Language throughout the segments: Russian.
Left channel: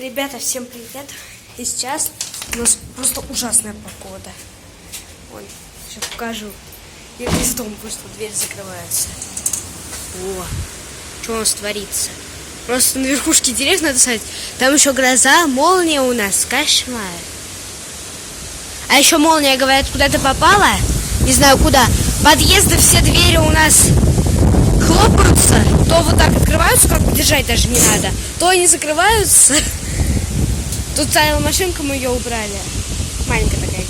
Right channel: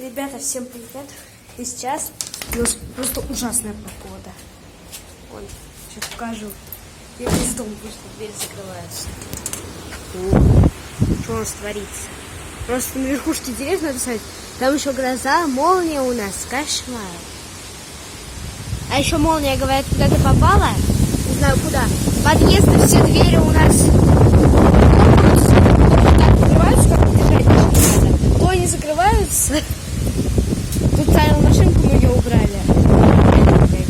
Ребята, всем привет! И сейчас у нас просто ужасная погода. Вон, сейчас покажу. Я из дома вышла, дверь закрывается. О, что у нас творится? Просто на верхушке деревьев надо ставить. Там еще гроза, молния у нас, кошмар. А еще молния, говорят, куда-то попала. Не знаю куда. Подъезды, все двери у нас хлопаются. То вот так открываются, как держать даже не надо. То они закрываются. Тут стояла машинка, мы ее убрали. Нормально, блядь,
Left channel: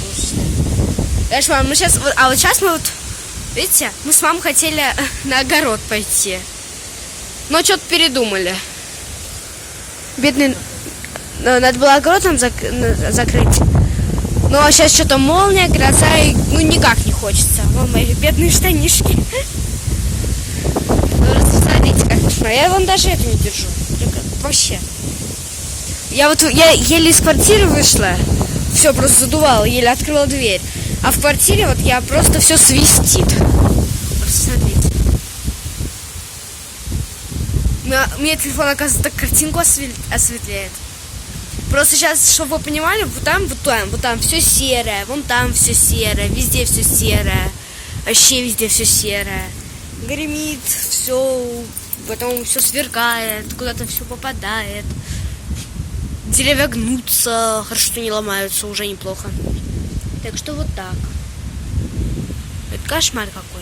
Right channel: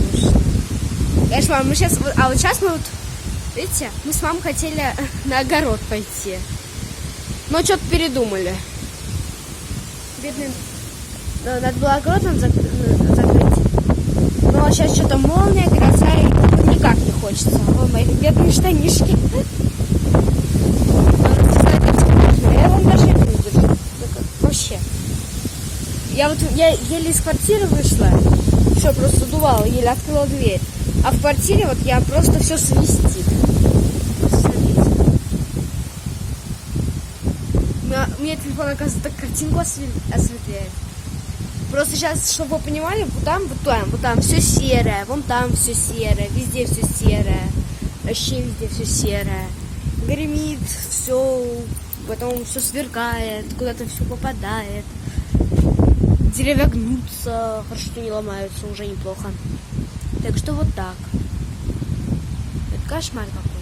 конечно, мам, мы сейчас... А вот сейчас мы вот... Видите, мы с мамой хотели на огород пойти. Но что-то передумали. Бедный... Надо было огород нам закрыть. Но сейчас что-то молния, гроза, и ну никак не хочется. Вон мои бедные штанишки. Просто смотрите, как кошмар. Я вон даже это не держу. Вообще. Я еле из квартиры вышла. Все просто задувало, еле открыла дверь. А в квартире вот я просто все свистит. Просто смотрите. У меня телефон, оказывается, так картинку осветляет. Просто сейчас, чтобы вы понимали, вот там все серое, вон там все серое, везде все серое, вообще везде все серое. Гремит, все, потом все сверкает, куда-то все попадает. Деревья гнутся, хорошо, что не ломаются, уже неплохо. Так что вот так. Это кошмар какой.